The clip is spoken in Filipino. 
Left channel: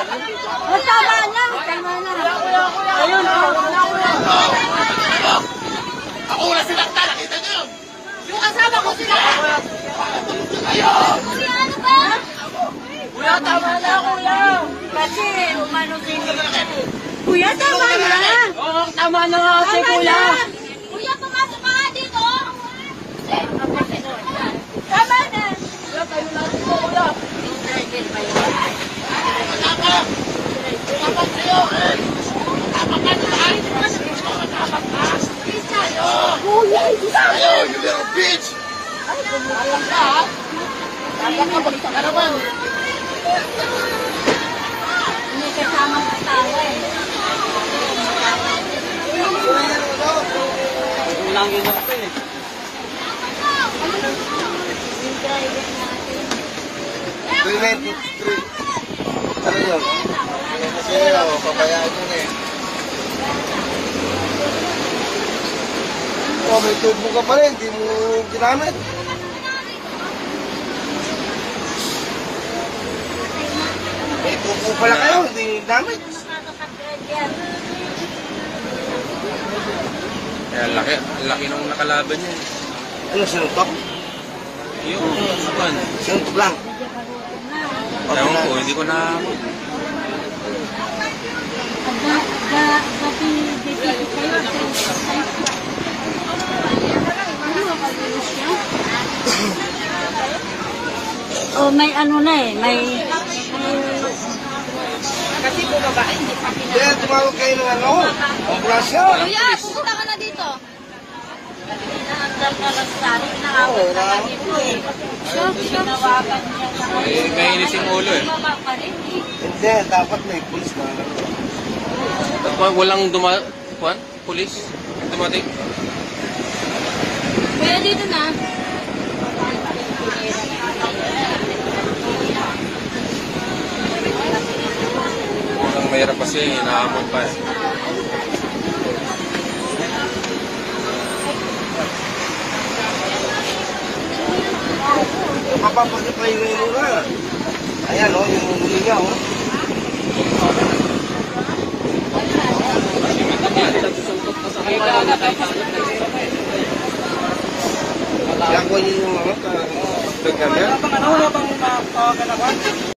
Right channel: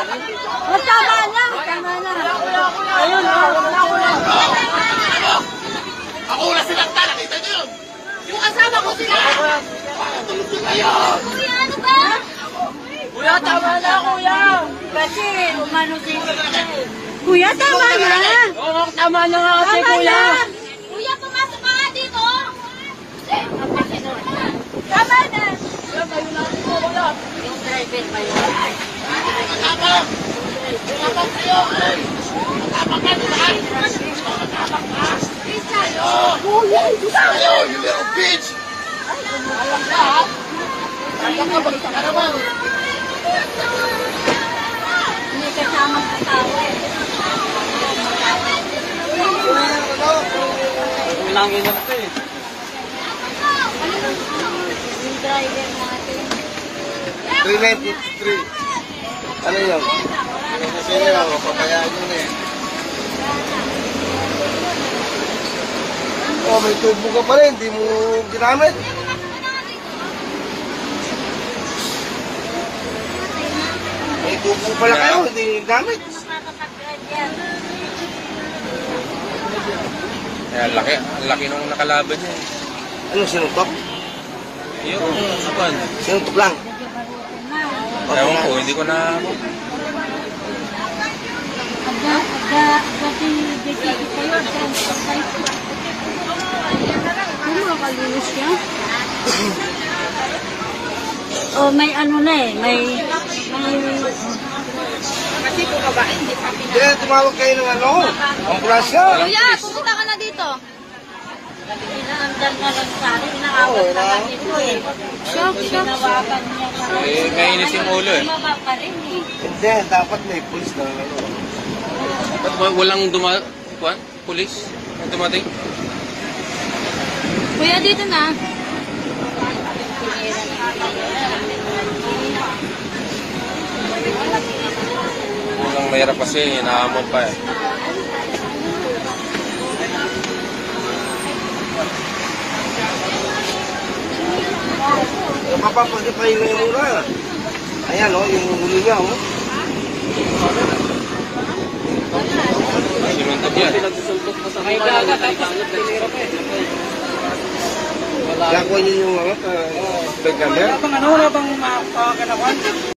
Tama na. Tama na. Ayun. Ako na silang nakita nyo! Yung asawa ko sila! Tulog ko kayo! Ano ba? Kuya, tama na, kuya. Kasi, umano dito na. Kuya, tama na. Oo, tama na nga kasi, kuya. Kuya, pumasok ka nga dito. Tama na. Kuya, kayo natin po, kuya. Dapat kayo! Dapat ka naman! Kuya, You little bitch! Alam ka, ha? Alam ka, balita ka naman. may kasama sa tao. Ulang yun ako eh. Yung driver natin. 393. Ano yun? Kasi yun, pabayaan nyo na eh. Oh, may tweet mo ka pa rin, hindi mo ginamit. May buko pala kayo, hindi ginamit. Makakapag-drive yan. Ang laki nung nakalaban niya eh. Ano, sinutok? Yung kapan. Sinutok lang. Ewan ko, hindi ko na... Oh, may ano na eh, may Kasi po babae. Hindi, tumawag kayo ng ano, ambulansya. Kuya, pupunta ka na dito. Inaandal na lang sa akin, inaawat na lang dito eh. Ginawakan niya na. May nainis yung ulo eh. Mama pa rin eh. Hindi, dapat may police na. Ba't walang pulis? Yung dumating? Kuya, dito na. Walang mahirap kasi, inaamon pa eh. Mapapagit na yung ulo na. Ayan o, yung ulo niya o. Sinuntog yan. Kaya kuha niyo yung mga pag-camera. Ano na bang mga kagalawan?